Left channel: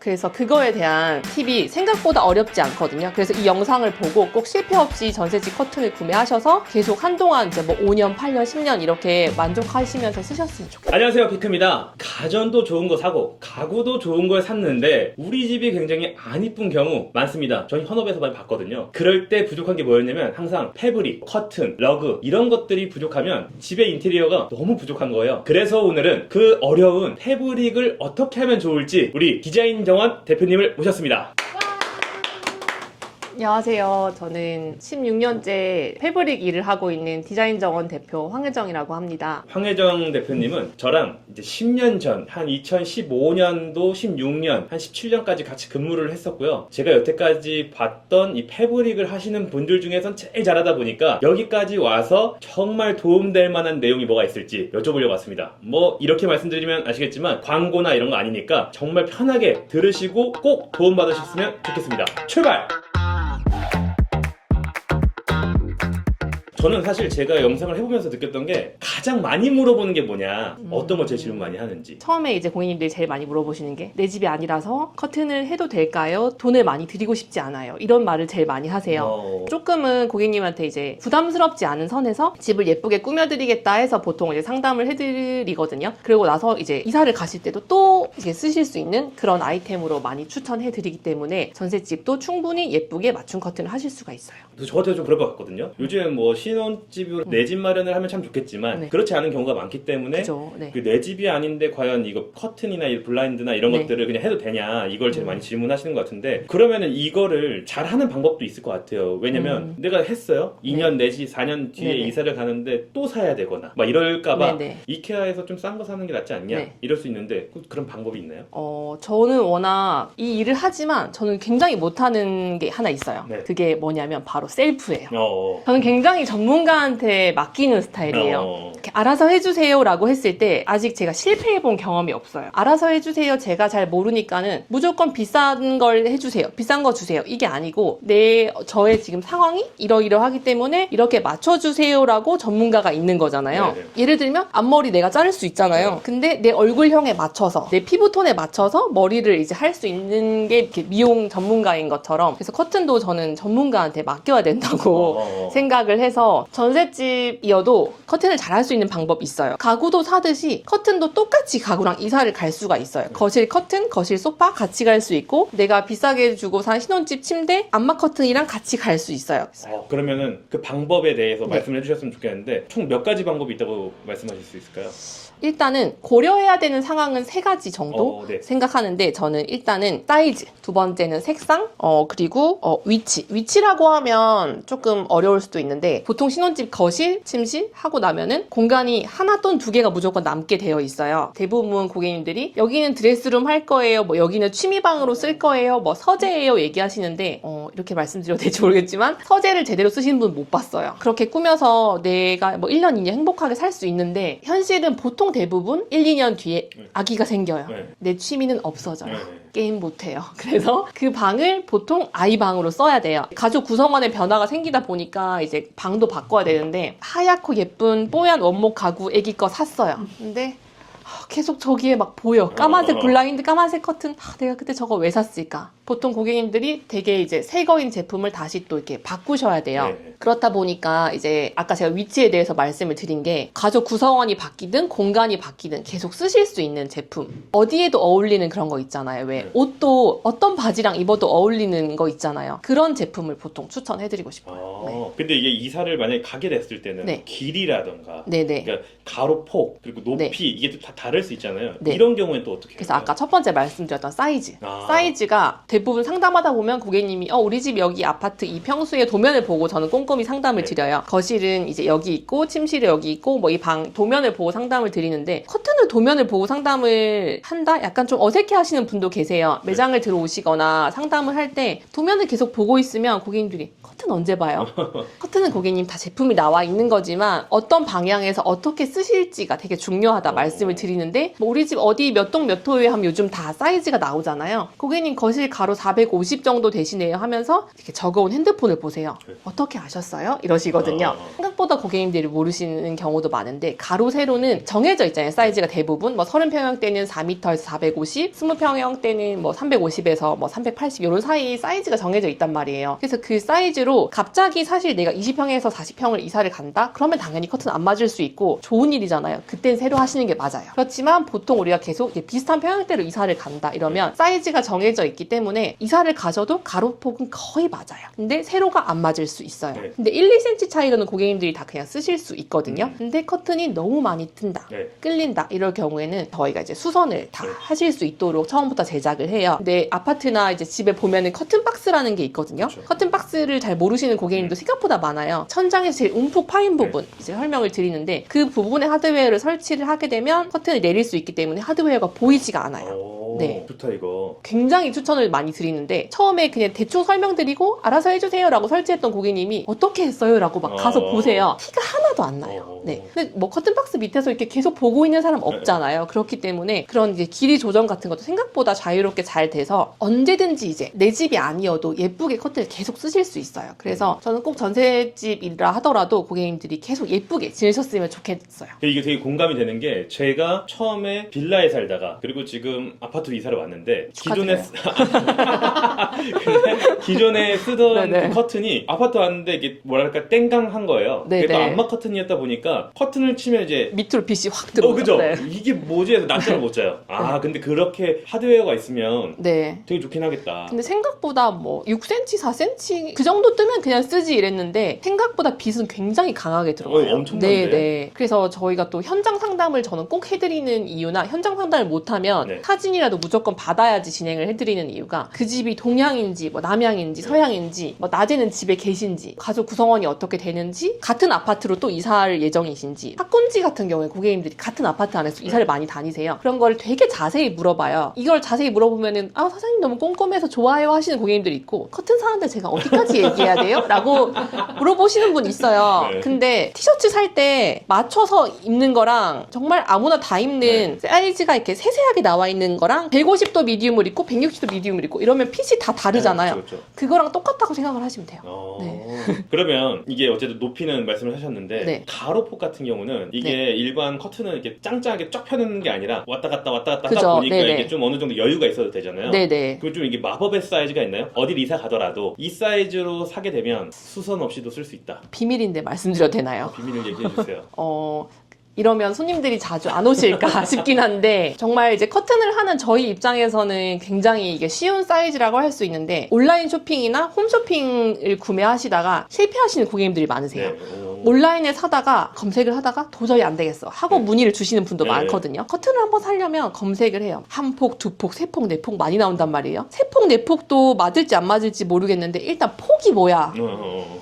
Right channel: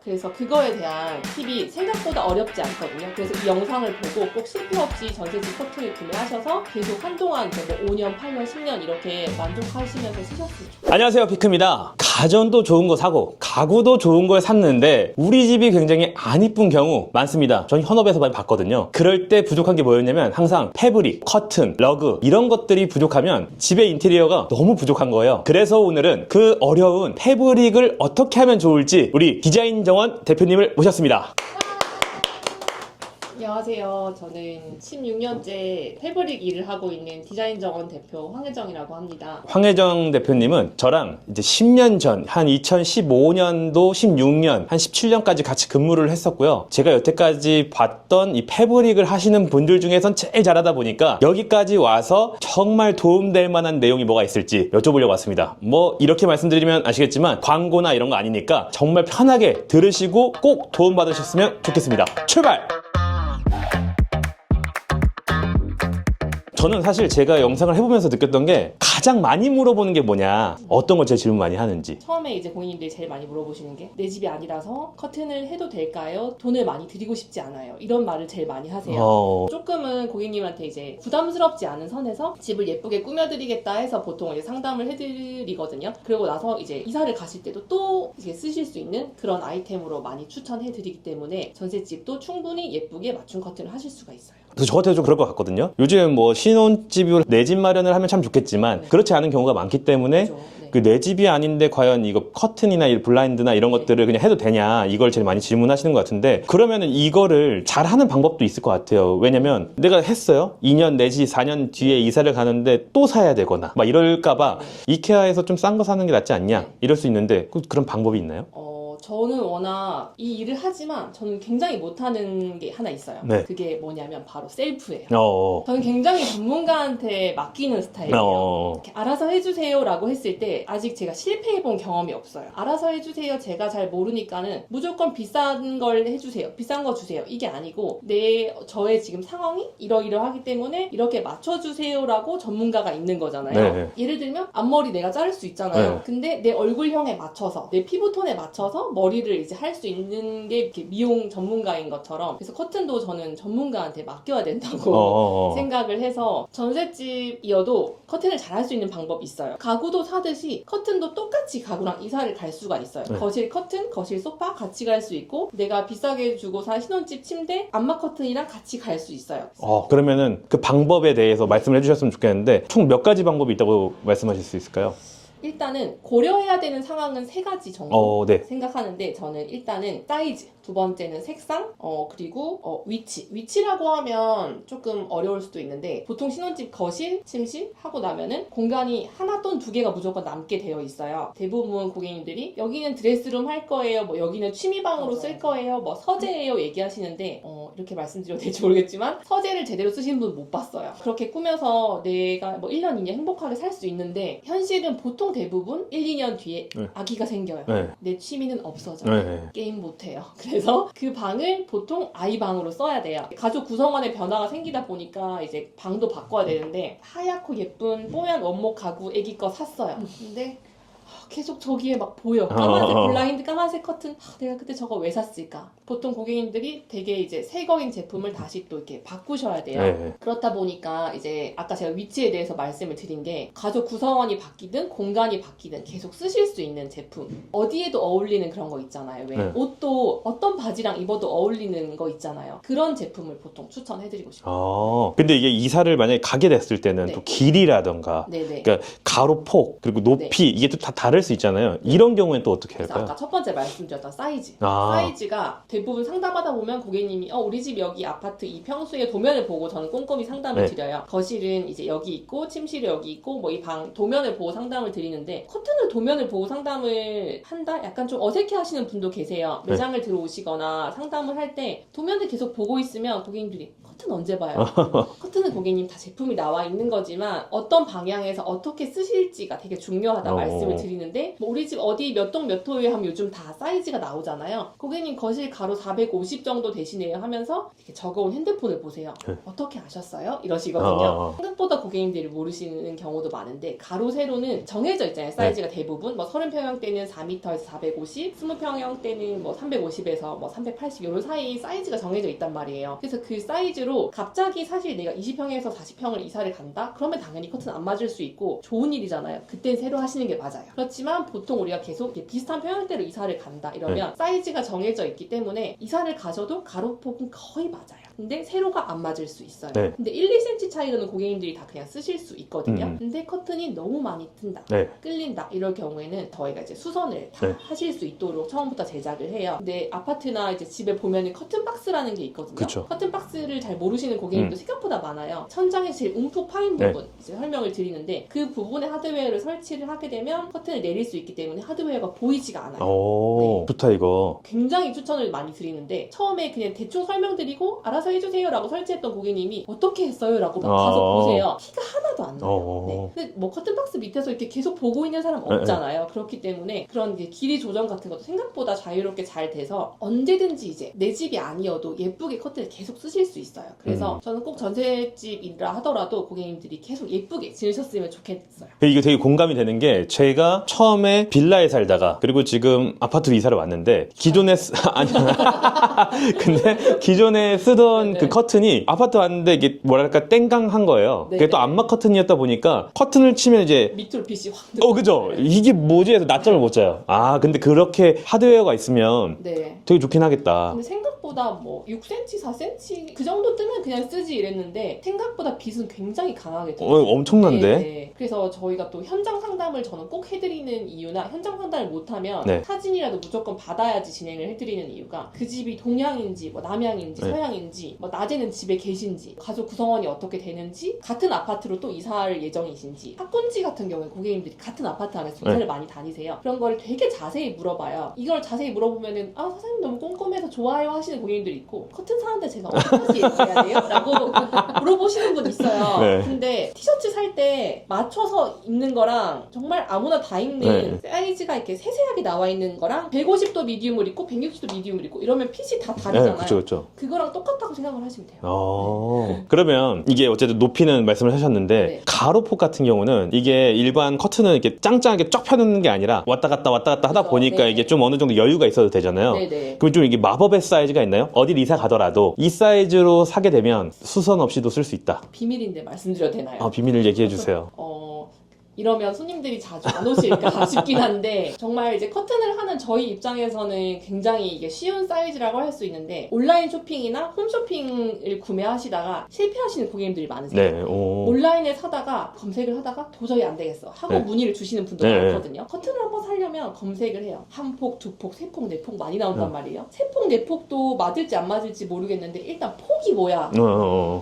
그래서 그거에 대한 팁이 생각보다 어렵지 않거든요. 그래서 이 영상을 보고 꼭 실패 없이 전세집 커튼을 구매하셔서 계속 한동안 이제 뭐 5년, 8년, 10년 이렇게 만족하시면서 쓰셨으면 좋겠어요. 안녕하세요, 피크입니다. 가전도 좋은 거 사고 가구도 좋은 걸 샀는데 우리 집이 굉장히 안 이쁜 경우 많습니다. 전 현업에서 많이 봤거든요. 그럴 때 부족한 게 뭐였냐면 항상 패브릭, 커튼, 러그 이런 것들이 부족하면 집의 인테리어가 너무 부족한 거예요. 그래서 오늘은 그 어려운 패브릭을 어떻게 하면 좋을지 우리 디자인 정원 대표님을 모셨습니다. 안녕하세요. 저는 16년째 패브릭 일을 하고 있는 디자인 정원 대표 황혜정이라고 합니다. 황혜정 대표님은 저랑 이제 10년 전, 한 2015년도, 16년, 한 17년까지 같이 근무를 했었고요. 제가 여태까지 봤던 이 패브릭을 하시는 분들 중에선 제일 잘하다 보니까 여기까지 와서 정말 도움될 만한 내용이 뭐가 있을지 여쭤보려고 왔습니다. 뭐 이렇게 말씀드리면 아시겠지만 광고나 이런 거 아니니까 정말 편하게 들으시고 꼭 도움받으셨으면 좋겠습니다. 출발! 저는 사실 제가 영상을 해보면서 느꼈던 게 가장 많이 물어보는 게 뭐냐, 어떤 걸 제일 질문 많이 하는지. 처음에 이제 고객님들이 제일 많이 물어보시는 게 내 집이 아니라서 커튼을 해도 될까요? 돈을 많이 드리고 싶지 않아요. 이런 말을 제일 많이 하세요. 조금은 고객님한테 이제 부담스럽지 않은 선에서 집을 예쁘게 꾸며드리겠다 해서 보통 이제 상담을 해드리거든요. 그리고 나서 이제 이사를 가실 때도 또 이제 쓰실 수 있는 그런 아이템으로 많이 추천해드리기 때문에 전셋집도 충분히 예쁘게 맞춤 커튼을 하실 수가 있어요. 그래서 저 같아도 좀 그럴 것 같거든요. 요즘 뭐 신혼집으로 내 집 마련을 하면 참 좋겠지만 네. 그렇지 않은 경우가 많기 때문에 그렇죠. 네. 그 내 집이 아닌데 과연 이거 커튼이나 이 블라인드나 이런 네. 것들을 그냥 해도 되냐, 이걸 제일 많이 질문하시는 것 같은데, 그러면은 이거를 잘하는 방법도 있을 것 같아요. 왜냐면 내가 했어요. 2년 내지 4년 뒤에 네네. 이사를 가는데 또 사야 되거나 막 이럴까봐 네네. 이케아에서 좀 싼 거 사는 게 낫지 않냐, 네. 이럴 수 있는데 그런 방법이 있나요? 저는 워낙 이 일을 하지만 저는 굉장히 못하는 게 하나 있어요. 네. 그게 뭐냐면 바로 셀프예요. 어. 저는 굉장히 전문가한테 맡기는 스타일이에요. 이렇게 알아서 해주세요 라고 했을 때 아직 제가 실패해본 경험이 없어요. 알아서 해주세요, 제가 잘 모르니까는 무조건 비싼 걸 해주세요, 비싼 거 주세요, 이게 아니고 저의 지금 상황이 이러이러하기 때문에 이렇게 맞춰주세요 라고 전문가가 있는 거잖아요. 네. 예를 들면 앞머리 내가 자를 수 있잖아요. 네. 근데 내 얼굴형에 맞춰서 내 피부톤에 맞춰서 머리를 이제 할 수 있는 게 이렇게 미용 전문가인 것처럼, 그래서 커튼도 저는 전문가한테 맡겨야 된다고 생각을 해서, 전셋집이어도 커튼을 잘 할 수 있는 방법이 있어요. 가구도 사듯이 커튼도 똑같이 가구랑 이사를 갈 수가 있어요. 거실 커튼, 거실 소파 같이 갈 수 있고, 내가 비싸게 주고 산 신혼집 침대, 안마 커튼이랑 같이 갈 수 있어요. 그러면은 그 방법에 대해서 말씀을 해주셨으면 좋겠는데 총 몇 가지 방법이 있다고 말씀하실 수 있을까요? 일단은 고려해야 되는 상황은 3가지 정도 네. 생각하는데, 저는 일단은 사이즈, 두 번째는 색상, 그리고 위치라고 하면 조금 어려울 수도 있는데, 보통 신혼집 거실, 침실 하고 나면은 공간이 하나 또는 2개가 무조건 남게 되어 있어요. 대부분 고객님들이 여기는 드레스룸 할 거예요, 뭐 여기는 취미방으로 쓸 거예요, 뭐 서재예요 얘기하시는데, 이렇게 말씀드려도 될지 모르겠지만 서재를 제대로 쓰시는 분 못 봤어요. 그렇게 꾸며서 내가 뭐 1년, 2년 행복하게 살 수 있는데, 현실은 보통 대부분 1, 2년 뒤에 아기가 생겨요. 내 취미는 없어져요. 게임 못해요. 그래서 그 방을 보통 아이 방으로 써야 돼요. 가족 구성원의 변화가 생기다 보니까 이제 방도 바꿔야 되는데, 하얗고 예쁜 뽀얀 원목 가구 애기 거 샀어요. 근데 계속 저기에 막 보여. 까만색 블라인드, 까만색 커튼. 내가 그때 저거 왜 샀을까? 보통 고객님들이 되게 이제 새 거인 제품을 다시 또 이렇게 바꾸셔야 돼요. 네. 그렇다 보니까 이제 아까 제가 위치에 대해서 말씀을 드린 게, 가족 구성원이 바뀌든 공간이 바뀌든 계속 쓰실 수 있는 제품. 어디에도 어울리는 그런 거 있잖아요. 왜 옷도 어떤 바지랑 입어도 어울리는 거 있잖아요. 그런 제품을 보통 추천해드리고 싶어요. 근데 이게 이사를 만약에 가게 됐을 때는 또 길이라던가, 네네. 그러니까 가로폭 그리고 높이 이게 또 다 다를 수 있잖아요. 네. 이런 경우엔 또 어떻게 그래서 할까요? 아까 첫 번째 말씀드렸던 사이즈. 사이즈가 대부분 상담하다 보면 고객님이 우리 집 여기 아파트 이 평수의 도면을 보고 저는 꼼꼼히 상담을 드려요. 거실은 이제 여기 있고 침실이 여기 있고 뭐 이 방 도면을 보고 상담을 드리는데, 커튼을 도면을 보고 상담을 한다? 약간 좀 어색해 하시는 분도 계세요. 매장을 들어오시거나 상담을 할 때 도면을 계속 보고 있으면 고객님들이 커튼 언제 봐요? 커튼은 고객님 다 제품이 나와 있는 거지만 어떤 방향에서 어떻게 쓰실지가 되게 중요하다 말씀을 드리는데, 있는데 뭐 우리 집 어디 몇 동 몇 호에 하면 요즘 다 사이즈가 나오잖아요. 고객님 거실 가로 450 정도 되시네요 하면서 이렇게 적어온 핸드폰을 보세요. 네. 어떻게 아셨어요? 이러시거든요. 생각보다 고객님들이 모르시는 경우도 많은데 가로 세로는 정해져 있잖아요. 사이즈가 대부분 뭐 30평형 때는 4m에서 450, 20평형 때는 뭐 350에서 뭐 380 이런 사이 사이즈가 정해져 있단 말이에요. 그래서 그 사이즈로 갑자기 사실 내가 20평에서 40평을 이사를 간다? 그러면 당연히 커튼 안 맞을 수 있고 좋은 일이잖아요. 그땐 새로 하시는 게 맞아요. 그렇지만 보통 우리가 계속 이렇게 비슷한 평형대로 이사를 간다 이러면 사이즈가 정해져 있기 때문에 이사를 가셔도 가로폭은 거의 맞아요. 근데 세로가 안 맞을 수 있어요. 네. 근데 1, 2cm 차이로는 고객님들이 다 그냥 쓰실 수 있거든요. 근데 커튼이 너무 많이 튼다. 네. 끌린다. 이럴 경우에는 저희가 이제 수선을 다 네. 하실 수 있도록 처음부터 제작을 해요. 근데 아파트나 이제 집에 보면은 커튼 박스라는 게 있거든요. 그쵸. 커튼 박스를 잘 모르시는 고객님도 생각보다 많아요. 천장에 제일 움푹 파인 부분 이제 설명을 드리는데 그 부분에 하드웨어를 설치를 하게 되면 커튼을 내릴 수 있기 때문에 하드웨어가 보이지가 않아요. 오, 네. 좋다 이거. 굉장히 추천을 많이 드리는데 처음에 그냥 대충 설명드리고 알아서 해주세요 라고 설치했던 고객님이 어떻게 했어요? 라고 막 가서 보세요. 티가 하나도 안 나요. 네. 근데 뭐 커튼박스 밑에서 이렇게 계속 보고 있는 사람 없잖아요. 그렇기 때문에 그런 이제 길이 조정 같은 것도 생각보다 자유롭게 잘 돼서 언제든지 이제 내 집이 아니어도 예쁘게 커튼을 계속 쓰실 수 있어요. 그래서 저는 꼭 전셋집이라 하더라도 고객님들이 계속 예쁘게 지내셨으면 좋겠어요. 이게 되게 공감이 되는 게 제가 처음에 빌라에 살다가 그리고 지금 아파트로 이사를 왔는데 기존에 근데 기존에 쓰던 네네. 그 커튼이 아파트 왔는데 이게 뭐랄까 땡강한 거예요. 네네. 그게 또 암막 커튼이었다 보니까 커튼을 치면 이제 밑으로 빛이 확 들어오죠. 그죠? 네. 이게 뭐지 해서 낮잠을 못 자요. 아 근데 그렇게 하드웨어가 있으면 네. 되게 좋긴 하겠다. 근데 생각보다 뭐 6cm, 4cm 그 정도 뜨면 그냥 쓰지 이랬는데 생각보다 빛은 굉장히 강하게 들어와요. 엄청난데? 네. 그래서 저희가 또 현장 상담을 저는 꼭 해드리는 이유나 현장 상담을 못하면 네. 사진이라도 무조건 받아야지 진행을 해드리는 이유가 그 집이 동향인지 뭐 남향인지 네. 서향인지 뭐 낮에는 집에 계신지 가족 구성원이 어떻게 되는지 같은 아파트로 또 이사할 예정이신지 학군지 같은 경우에 고객님들이 같은 아파트 안에서 이사를 많이 다니세요. 그런 거를 되게 자세히 물어봐요. 이걸 자세히 물어보면은 아 사장님 너무 꼼꼼해서 좋아요 하시는 고객님들이 있고 커튼 사는데 제가 어디까지 얘기해야 돼요? 라고 물어보시는 분 있어요. 네. 근데 티셔츠 살 때 맞춰서 입는 거랑 정말 아무나 다 입는 사이즈가 이렇게 세세하게 나와 있는 거랑 150도 미디움을 입고 160도 미디움을 입고 이러면 핏이 다 다르잖아요. 네, 그쵸. 그거랑 똑같다고 생각을 하시면 돼요. 그러면 이게 어쨌든 높이는 말씀을 하셨는데 네. 가로폭 같은 경우는 이게 일반 커튼은 이렇게 짱짱하게 쫙 펴놓는 게 아니라 왔다 갔다 하다 그죠. 보니까 네네. 이게 좀 어느 정도 여유가 있어도 되잖아요. 네네. 그럼 좀 이게 마법의 사이즈가 있나요? 어딜 이사 가더라도 이 사이즈로 사게 되면 수선 없이도 쓸 수 있다. 비밀인데 말씀드려도 되나요? 비밀을 얘기해 주세요. 이러면 손님들이 자주 안 오실까 싶긴 한데 정말 이제 커튼을 하는 저희 입장에서는 굉장히 이게 쉬운 사이즈라고 할 수 있는데 온라인 쇼핑이나 홈쇼핑을 구매하시다가 실패하시는 고객님들이 많으세요. 네. 오. 온라인에 사다가 검색을 하다가 도저히 안 되겠어 하고 네. 문의를 주시는 분도 네. 많거든요. 커튼을 한번 사려면 검색을 해요. 한 폭, 두 폭, 세 폭, 네 폭 많이 나온단 말이에요. 세 폭, 네 폭도 맞을지 안 맞을지 모르겠는데 일단 폭이 뭐야?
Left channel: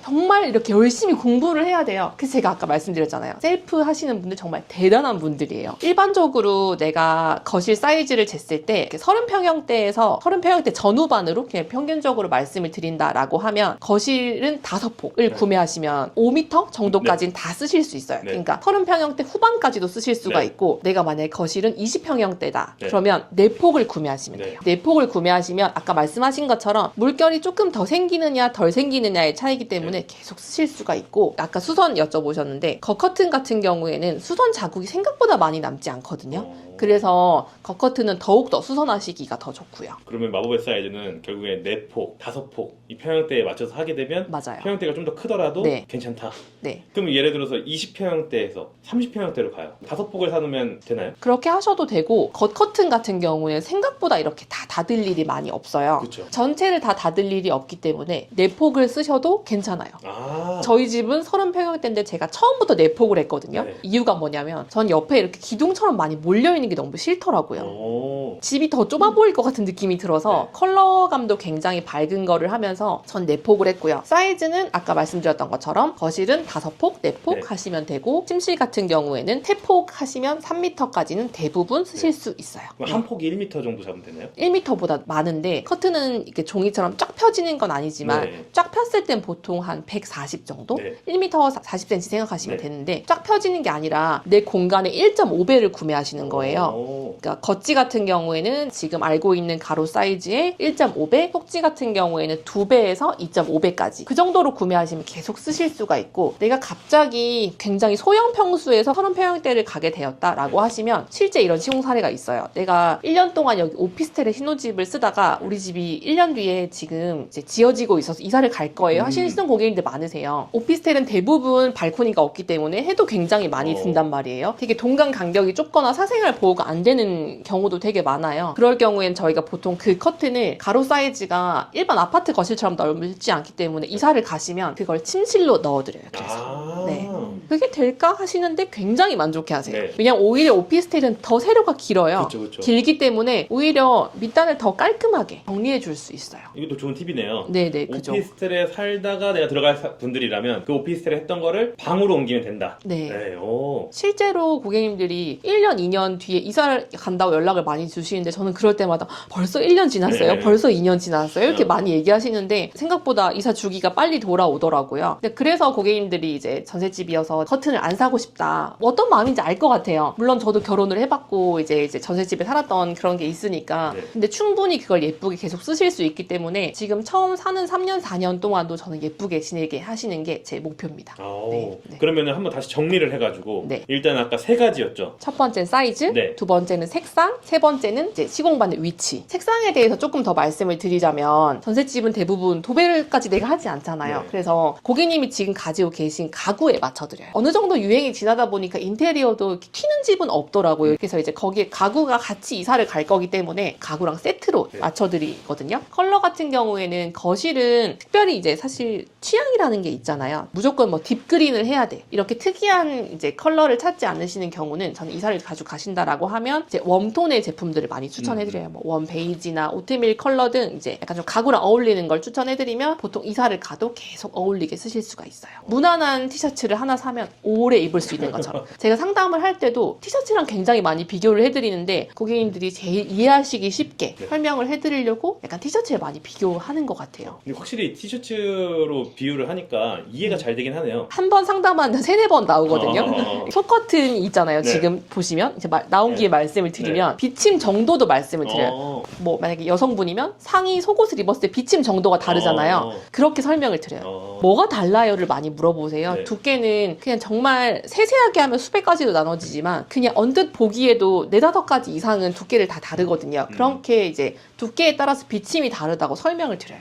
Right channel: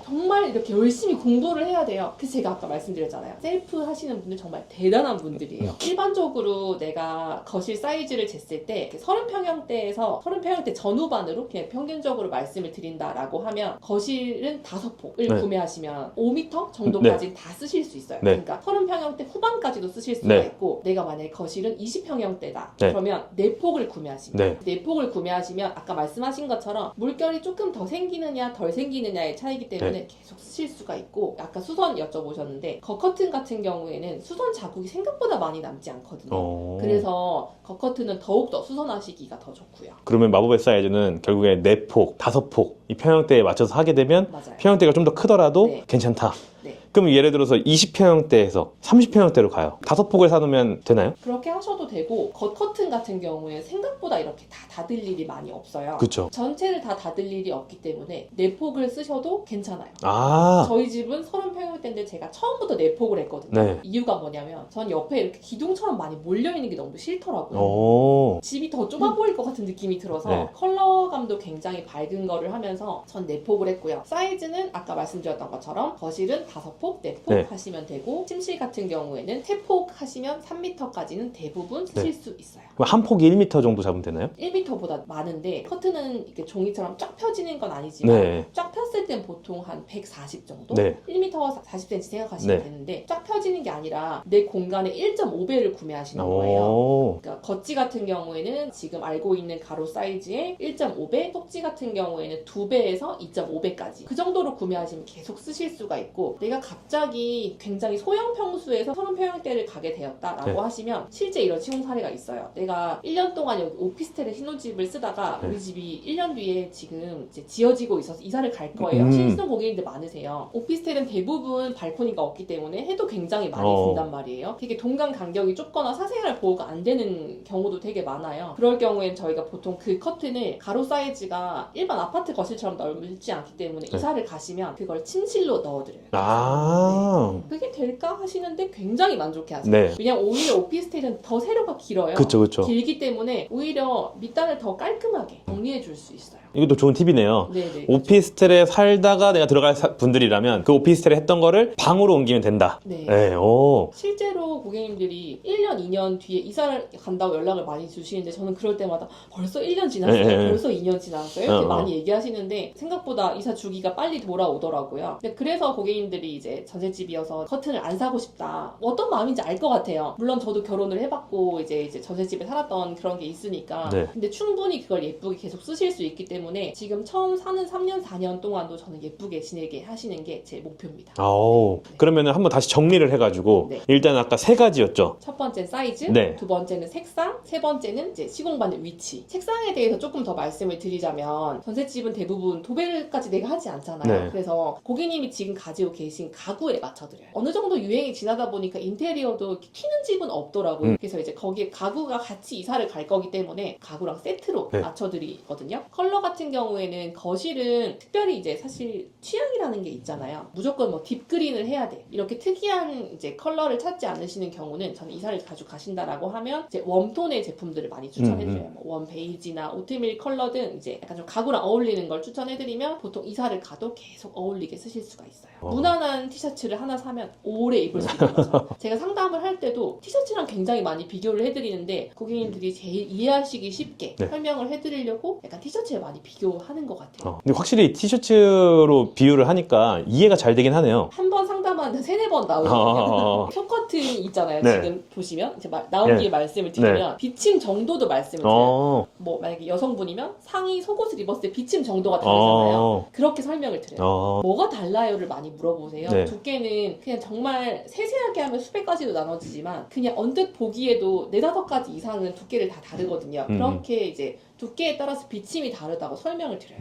정말 이렇게 열심히 공부를 해야 돼요. 그래서 제가 아까 말씀드렸잖아요. 셀프 하시는 분들 정말 대단한 분들이에요. 일반적으로 내가 거실 사이즈를 쟀을 때 30평형대에서 30평형대 전후반으로 그냥 평균적으로 말씀을 드린다라고 하면 거실은 5폭을 네. 구매하시면 5m 정도까지는 다 쓰실 수 있어요. 네. 그러니까 30평형대 후반까지도 쓰실 수가 네. 있고 내가 만약에 거실은 20평형대다. 네. 그러면 4폭을 구매하시면 네. 돼요. 4폭을 구매하시면 아까 말씀하신 것처럼 물결이 조금 더 생기느냐 덜 생기느냐의 차이기 때문에 계속 쓰실 수가 있고 아까 수선 여쭤보셨는데 겉커튼 같은 경우에는 수선 자국이 생각보다 많이 남지 않거든요. 그래서 겉커튼은 더욱더 수선하시기가 더 좋고요. 그러면 마법의 사이즈는 결국에 4폭, 5폭 이 평형대에 맞춰서 하게 되면 맞아요. 평형대가 좀 더 크더라도 네. 괜찮다. 네. 그럼 예를 들어서 20평형대에서 30평형대로 가요. 5폭을 사놓으면 되나요? 그렇게 하셔도 되고 겉커튼 같은 경우에 생각보다 이렇게 다 닫을 일이 많이 없어요. 그쵸. 전체를 다 닫을 일이 없기 때문에 4폭을 쓰셔도 괜찮아요. 아. 저희 집은 30평형대인데 제가 처음부터 4폭을 했거든요. 네. 이유가 뭐냐면 전 옆에 이렇게 기둥처럼 많이 몰려있는 게 너무 싫더라고요. 오. 집이 더 좁아 보일 것 같은 느낌이 들어서 네. 컬러감도 굉장히 밝은 거를 하면서 하면서 전 4폭을 했고요. 사이즈는 아까 말씀드렸던 것처럼 거실은 5폭, 4폭 네. 하시면 되고 침실 같은 경우에는 3폭 하시면 3m까지는 대부분 쓰실 수 있어요. 그럼 한 폭이 1m 정도 잡으면 되나요? 1m보다 많은데 커튼은 이렇게 종이처럼 쫙 펴지는 건 아니지만 네. 쫙 폈을 땐 보통 한 140 정도? 네. 1m 40cm 생각하시면 네. 되는데 쫙 펴지는 게 아니라 내 공간의 1.5배를 구매하시는 거예요. 오. 그러니까 겉지 같은 경우에는 지금 알고 있는 가로 사이즈의 1.5배, 속지 같은 경우에는 2배에서 2.5배까지 그 정도로 구매하시면 계속 쓰실 수가 있고 내가 갑자기 굉장히 소형 평수에서 30평형대를 가게 되었다라고 네. 하시면 실제 이런 시공 사례가 있어요. 내가 1년 동안 여기 오피스텔에 신혼집을 쓰다가 우리 집이 1년 뒤에 지금 이제 지어지고 있어서 이사를 갈 거예요 하시는 고객님들 많으세요. 오피스텔은 대부분 발코니가 없기 때문에 해도 굉장히 많이 든단 말이에요. 되게 동간 간격이 좁거나 사생활 보호가 안 되는 경우도 되게 많아요. 그럴 경우엔 저희가 보통 그 커튼을 가로 사이즈가 일반 아파트 거실처럼 넓지 않기 때문에 이사를 가시면 그걸 침실로 넣어드려요. 그래서. 네. 그게 될까 하시는데 굉장히 만족해 하세요. 네. 왜냐면 오히려 오피스텔은 더 세로가 길어요. 그쵸. 길기 때문에 오히려 밑단을 더 깔끔하게 정리해 줄 수 있어요. 이것도 좋은 팁이네요. 네네. 그죠. 오피스텔에 살다가 내가 들어갈 분들이라면 그 오피스텔에 했던 거를 방으로 옮기면 된다. 네. 오. 실제로 고객님들이 1년, 2년 뒤에 이사를 간다고 연락을 많이 주시는데 저는 그럴 때마다 벌써 1년 지났어요? 네. 벌써 2년 지났어요? 이렇게 어. 많이 얘기하시는데 생각보다 이사 주기가 빨리 돌아오더라고요. 근데 그래서 고객님들이 이제 전셋집이어서 커튼을 안 사고 싶다. 어떤 마음인지 알 것 같아요. 물론 저도 결혼을 해봤고 이제 전셋집에 살았던 그런 게 있으니까. 네. 근데 충분히 그걸 예쁘게 계속 쓰실 수 있기 때문에 지금 처음 사는 3년, 4년 동안도 저는 예쁘게 지내게 하시는 게 제 목표입니다. 오. 네. 그러면 한번 다시 정리를 해가지고 네. 일단 아까 3가지였죠. 첫 번째는 사이즈, 네. 두 번째는 색상, 세 번째는 이제 시공반의 위치. 색상에 대해서 조금 더 말씀을 드리자면 전셋집은 대부분 도배까지 내가 하지 않잖아요. 네. 그래서 고객님이 지금 가지고 계신 가구에 맞춰드려요. 어느 정도 유행이 지나다 보니까 인테리어도 이렇게 튀는 집은 없더라고요. 그래서 이제 거기에 가구가 같이 이사를 갈 거기 때문에 가구랑 세트로 네. 맞춰드리거든요. 컬러 같은 경우에는 거실은 특별히 이제 사실 취향이라는 게 있잖아요. 무조건 뭐 딥그린을 해야 돼. 이렇게 특이한 이제 컬러를 찾지 않으시는 경우는 저는 이사를 가지고 가신다라고 하면 이제 웜톤의 제품들을 많이 추천해드려요. 뭐 웜 베이지나 오트밀 컬러 등 이제 약간 좀 가구랑 어울리는 걸 추천해드리면 보통 이사를 가도 계속 어울리게 쓰실 수가 있어요. 무난한 티셔츠를 하나 사면 오래 입을 수 있는 것처럼. 제가 상담을 할 때도 티셔츠랑 굉장히 많이 비교를 해드리는데 고객님들이 제일 이해하시기 쉽게 네. 설명을 해드리려고 약간 티셔츠에 많이 비교하는 것 같아요. 근데 확실히 티셔츠로 비유를 하니까 이해가 잘 되긴 하네요. 한 번 상담하는데 3-4번 나오거든요. 쇼커튼이 있잖아요. 네. 지금 보시면 이제 나온 네. 김에 말씀을 드리면 비침 정도도 말씀을 드려요. 어. 뭐 만약에 여성분이면 상의 속옷을 입었을 때 비침 정도가 다르잖아요. 어. 그렇게 설명을 드려요. 어. 뭐가 달라요를 많이 물어보세요. 네. 두께는 그냥 정말 세세하게 하면 수백 가지로 나눠지지만 그냥 언뜻 보기에도 4-5가지 이상은 두께를 다 다르거든요. 그렇게 이제 두께에 따라서 비침이 다르다고 설명을 드려요.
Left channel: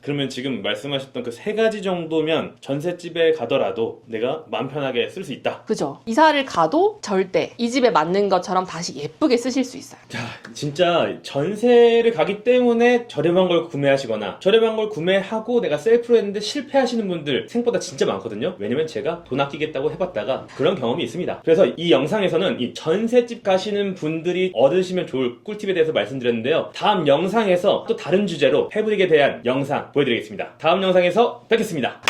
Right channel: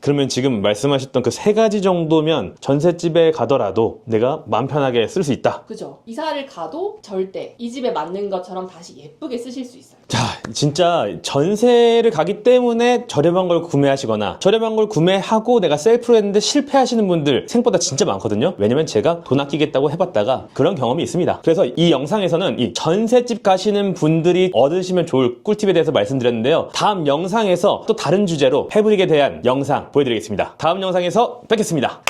그러면 지금 말씀하셨던 그 3가지 정도면 전셋집에 가더라도 내가 마음 편하게 쓸 수 있다. 그죠? 이사를 가도 절대 이 집에 맞는 것처럼 다시 예쁘게 쓰실 수 있어요. 자, 진짜 전세를 가기 때문에 저렴한 걸 구매하시거나 저렴한 걸 구매하고 내가 셀프로 했는데 실패하시는 분들 생각보다 진짜 많거든요. 왜냐면 제가 돈 아끼겠다고 해봤다가 그런 경험이 있습니다. 그래서 이 영상에서는 이 전셋집 가시는 분들이 얻으시면 좋을 꿀팁에 대해서 말씀드렸는데요. 다음 영상에서 또 다른 주제로 패브릭에 대한 영상 보여드리겠습니다. 다음 영상에서 뵙겠습니다.